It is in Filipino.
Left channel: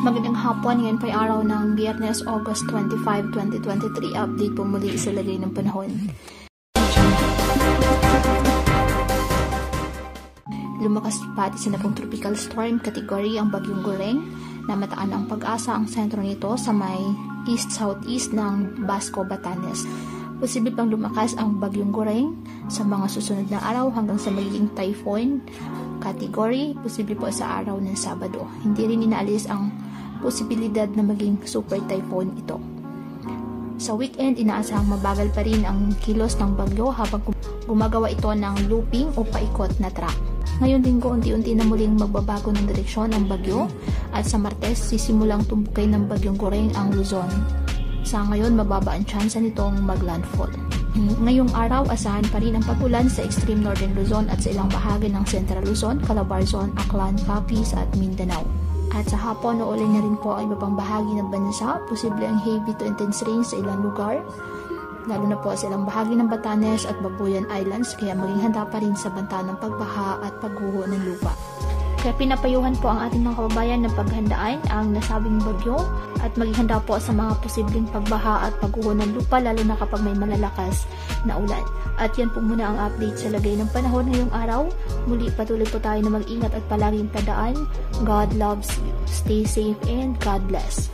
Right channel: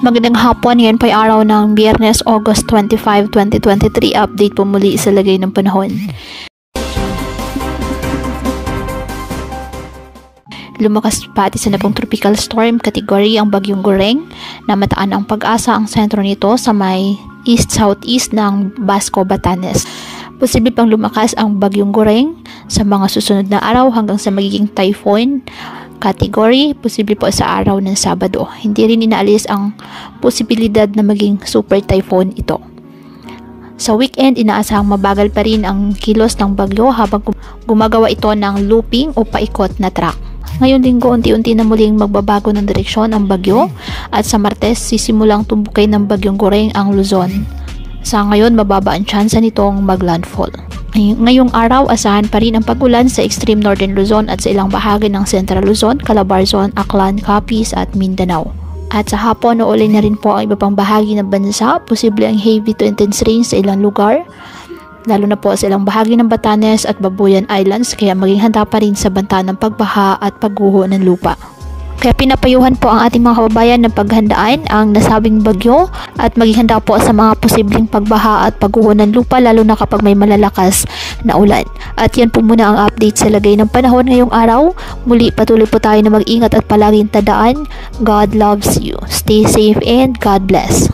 Magandang hapon, ngayon po ay araw ng Biyernes, August 25, 2023. Update po muli sa lagay ng panahon. Lumakas pati sa napong tropical storm category ang Bagyong Goreng na mataan ang pag-asa ang sentro nito sa may east-southeast ng Basco, Batanes. Posible pang lumakas ang Bagyong Goreng sa mga susunod na araw hanggang sa magiging typhoon category, posible po sa araw ng Sabado. Hindi rin inaalis ang posibilidad na maging super typhoon ito. Sa weekend, inaasahang mabagal pa rin ang kilos ng bagyo habang gumagawa ito ng looping o paikot na track. Ngayon linggo, unti-unti na muling magbabago ng direksyon ang bagyo at sa Martes, sisimulang tumbukin ng Bagyong Goreng ang Luzon. Sa ngayon, mababa ang tsansa nitong maglandfall. Ngayong araw, asahan pa rin ang pag-ulan sa extreme northern Luzon at sa ilang bahagi ng Central Luzon, Calabarzon, Aklan, Capiz at Mindanao. At sa hapon, uulan na rin po ang iba pang bahagi ng bansa. Posible ang heavy to intense rain sa ilang lugar, lalo na po sa ilang bahagi ng Batanes at Babuyan Islands, kaya maging handa pa rin sa banta ng pagbaha at pagguho ng lupa. Kaya pinapayuhan po ang ating mga kababayan na paghandaan ang nasabing bagyo at maging handa po sa mga posibleng pagbaha at pagguho ng lupa, lalo na kapag may malalakas na ulan. At yan po muna ang update sa lagay ng panahon ngayong araw. Muli patuloy po tayo na mag-ingat at palaging tandaan, God loves you. Stay safe and God bless.